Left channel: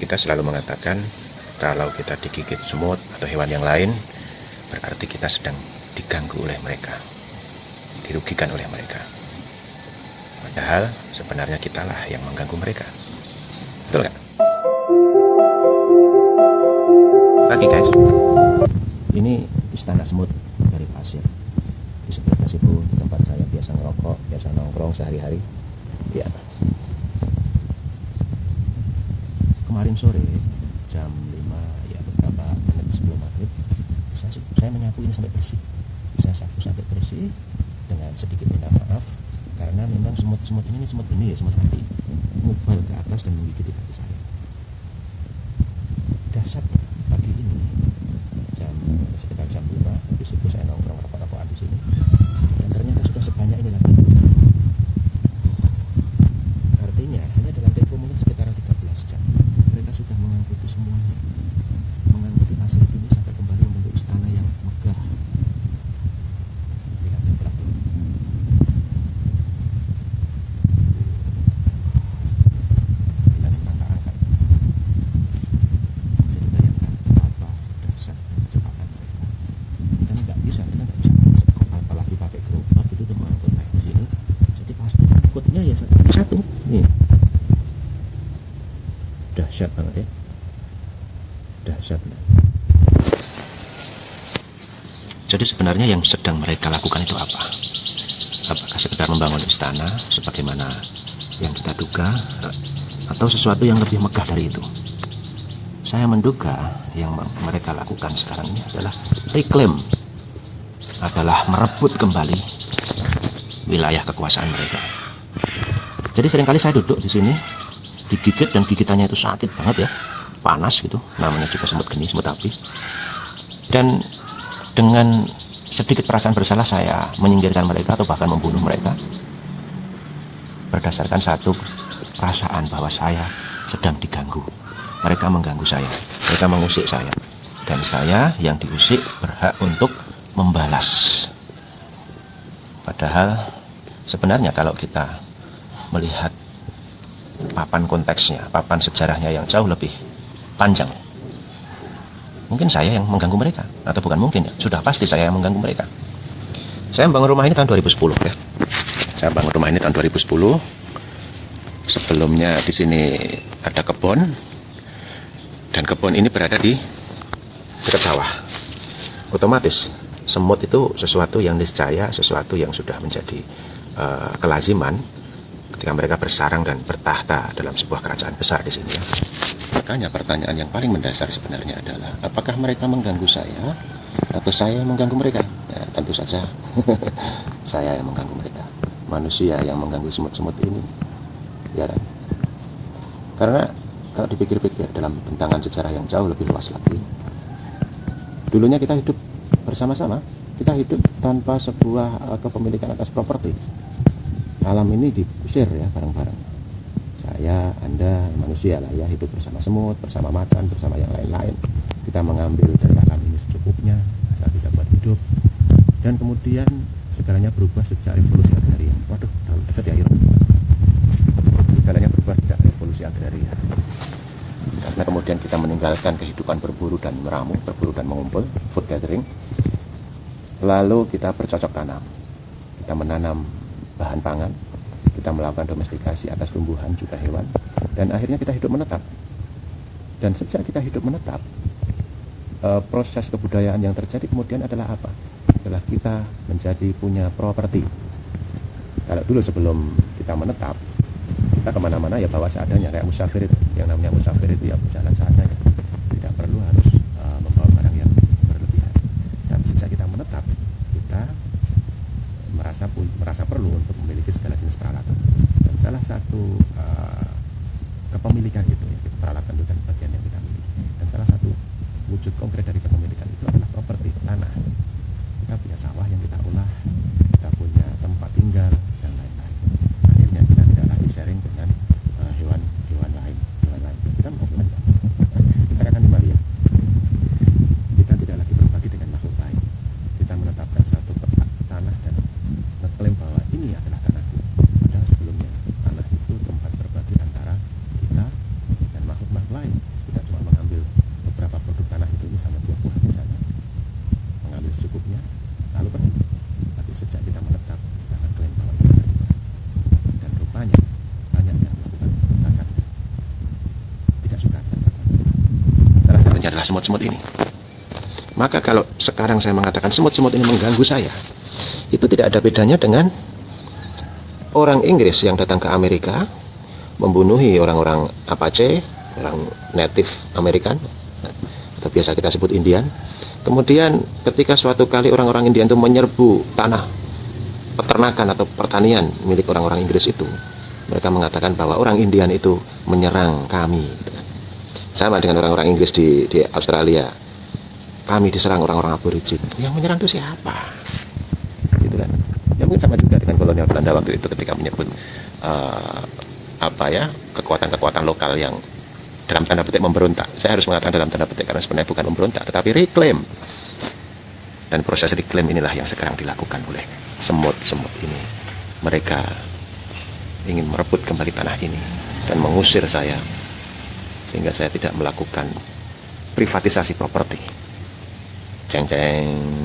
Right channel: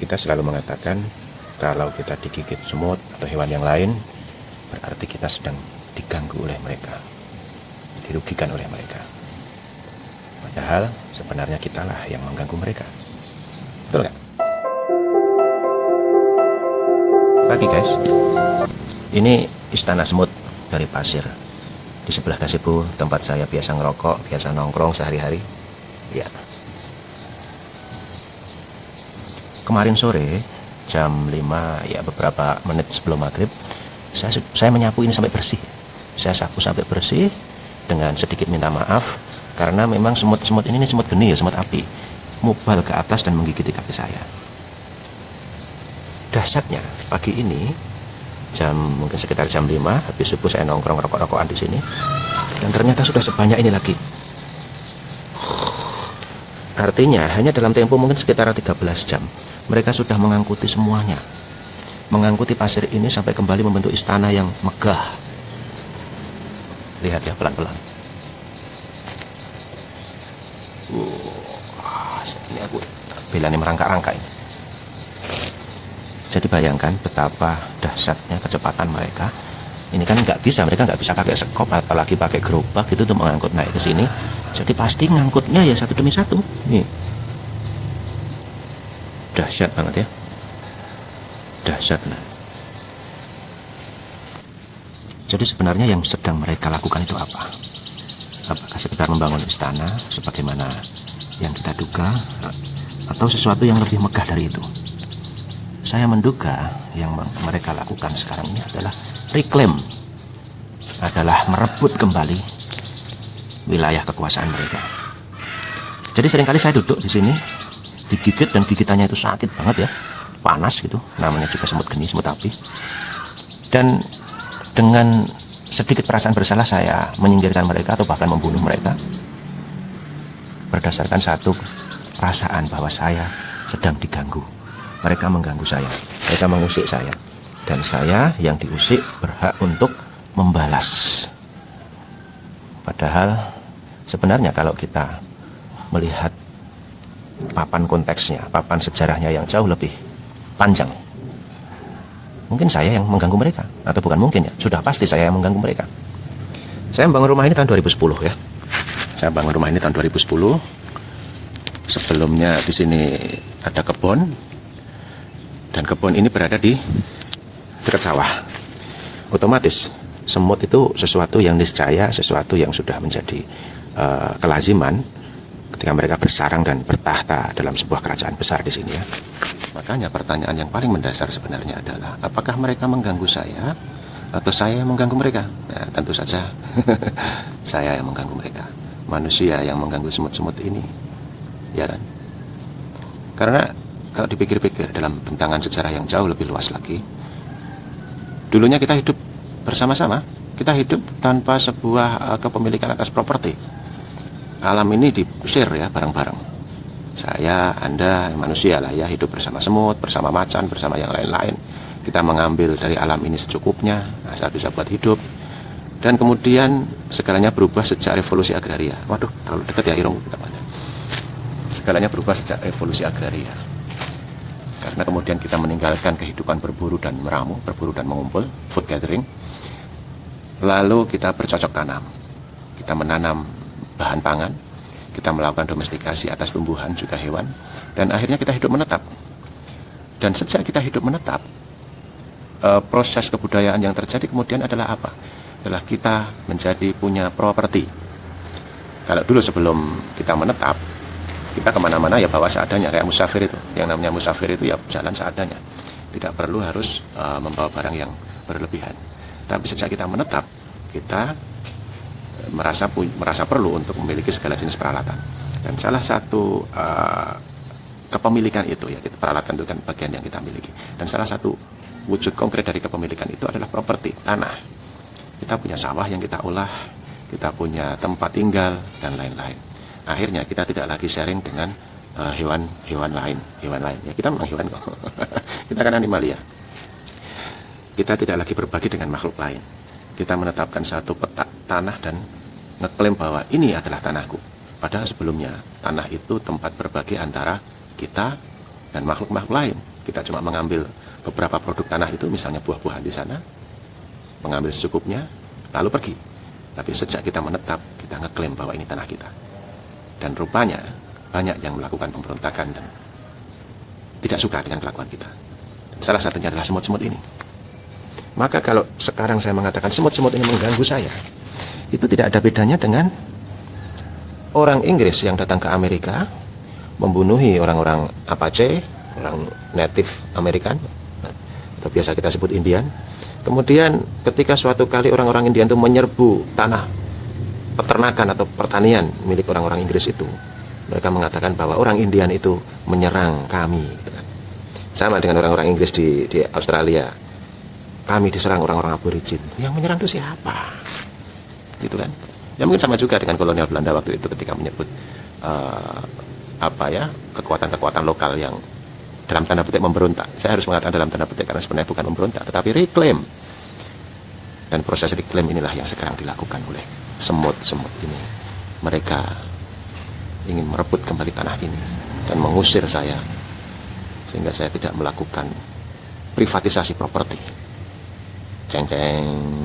Kita selalu mengatakan kalau kita digigit semut atau hewan yang lain, berarti kita sedang diganggu oleh mereka, dirugikan oleh mereka. Padahal sebenarnya kitalah yang mengganggu mereka. Betul nggak? Pagi guys, ini istana semut dari pasir. Di sebelah gazebo tempat saya biasa ngerokok, biasa nongkrong sehari-hari. Ya. Kemarin sore jam 5, ya beberapa menit sebelum maghrib, saya menyapu ini sampai bersih. Saya sapu sampai bersih dengan sedikit minta maaf karena memang semut-semut ini semut geni ya, semut api, mubal ke atas dan menggigit kaki saya. Dahsyatnya pagi ini mungkin sekitar jam 5 habis subuh saya nongkrong rokok-rokokan di sini dan ternyata sudah sebanyak ini lagi. Artinya hanya dalam tempo mungkin sekitar 13 jam mereka sudah mengangkuti semuanya, mengangkuti pasir ini sampai kembali membentuk istana yang megah. Lihat ya pelan-pelan. Ini aku bilangnya merangkak-rangkak ini. Jadi bayangkan betapa dahsyatnya kecepatan mereka. Ini kan mereka nggak bisa pakai sekop apalagi pakai gerobak gitu untuk mengangkut naik ke sini. Jadi pasti ngangkutnya ya satu demi satu. Nih, dahsyat banget ya, dahsyat. Jadi sebenarnya yang sedang mereka lakukan itu apa? Apakah sekedar membangun istana sebagaimana yang kita duga, atau sesuatu yang lebih megah dari itu? Saya menduga yang mereka lakukan sekarang ini adalah reclaim, adalah merebut kembali wilayah kekuasaan mereka. Jadi seringkali saya duduk di sini, digigit dan gigitannya itu sakit banget ya, panas gitu, namanya juga semut geni, semut api. Dan dengan sedikit perasaan bersalah saya menyingkirkan mereka atau bahkan membunuh mereka berdasarkan satu perasaan bahwa saya sedang diganggu. Mereka mengganggu saya, mereka mengusik saya, dan saya yang diusik berhak untuk membalas. Padahal sebenarnya kalau kita melihat papan konteksnya, papan sejarahnya yang jauh lebih panjang, mungkin saya yang mengganggu mereka, atau bukan mungkin ya, sudah pasti saya yang mengganggu mereka. Saya membangun rumah ini tahun 2010 ya. Saya bangun rumah ini tahun 2010. Sebelumnya di sini ada kebun. Dan kebun ini berada di dekat sawah. Otomatis semut itu sesuatu yang niscaya, sesuatu yang sudah menjadi kelaziman ketika mereka bersarang dan bertahta dalam sebuah kerajaan besar di sini. Makanya pertanyaan yang paling mendasar sebenarnya adalah apakah mereka mengganggu saya atau saya yang mengganggu mereka? Ya, tentu saja saya yang mengganggu mereka. Manusia yang mengganggu semut-semut ini, ya kan? Karena kalau dipikir-pikir dalam bentangan sejarah yang jauh lebih luas lagi, dulunya kita hidup bersama-sama, kita hidup tanpa sebuah kepemilikan atas properti. Alam ini diusir ya bareng-bareng. Saya, Anda, manusia lah ya, hidup bersama semut, bersama macan, bersama yang lain-lain. Kita mengambil dari alam ini secukupnya, asal bisa buat hidup. Dan kemudian segalanya berubah sejak revolusi agraria. Waduh, terlalu dekat ya Irung. Segalanya berubah sejak revolusi agraria. Karena kemudian kita meninggalkan kehidupan berburu dan meramu, berburu dan mengumpul, food gathering. Lalu kita bercocok tanam. Kita menanam bahan pangan, kita melakukan domestikasi atas tumbuhan juga hewan, dan akhirnya kita hidup menetap. Dan sejak kita hidup menetap, proses kebudayaan yang terjadi kemudian adalah apa? Adalah kita menjadi punya properti. Kalau dulu sebelum kita menetap, kita kemana-mana ya bawa seadanya, kayak musafir itu. Yang namanya musafir itu ya jalan seadanya, tidak perlu harus membawa barang yang berlebihan. Tapi sejak kita menetap, kita merasa perlu untuk memiliki segala jenis peralatan. Dan salah satu kepemilikan itu ya, peralatan itu kan bagian yang kita miliki. Dan salah satu wujud konkret dari kepemilikan itu adalah properti, tanah. Kita punya sawah yang kita olah, kita punya tempat tinggal dan lain-lain. Akhirnya kita tidak lagi sharing dengan hewan lain. Ya, kita memang hewan kok. Kita kan animalia. Kita tidak lagi berbagi dengan makhluk lain. Kita menetapkan satu petak tanah dan ngeklaim bahwa ini adalah tanahku. Padahal sebelumnya tanah itu tempat berbagi antara kita dan makhluk-makhluk lain. Kita cuma mengambil beberapa produk tanah itu, misalnya buah-buahan di sana, mengambil secukupnya, lalu pergi. Tapi sejak kita menetap, kita ngeklaim bahwa ini tanah kita. Dan rupanya banyak yang melakukan pemberontakan dan tidak suka dengan kelakuan kita. Salah satunya adalah semut-semut ini. Maka kalau sekarang saya mengatakan semut-semut ini mengganggu saya, itu tidak ada bedanya dengan orang Inggris yang datang ke Amerika, membunuhi orang-orang Apache, orang native American, atau biasa kita sebut Indian. Kemudian ketika suatu kali orang-orang Indian itu menyerbu tanah peternakan atau pertanian milik orang-orang Inggris itu, mereka mengatakan bahwa orang Indian itu menyerang kami. Sama dengan orang-orang Inggris di Australia, kami diserang orang-orang aborigin. Yang menyerang itu siapa? Gitu kan? Ya mungkin sama juga dengan kolonial Belanda waktu itu ketika menyebut kekuatan-kekuatan lokal yang dalam tanda petik memberontak. Saya harus mengatakan dalam tanda petik karena sebenarnya bukan memberontak, tetapi reclaim. Dan proses reclaim inilah yang sekarang dilakukan oleh semut-semut ini. Mereka ingin merebut kembali tanah ini dan mengusir saya, sehingga saya tidak melakukan privatisasi properti. Ceng-ceng.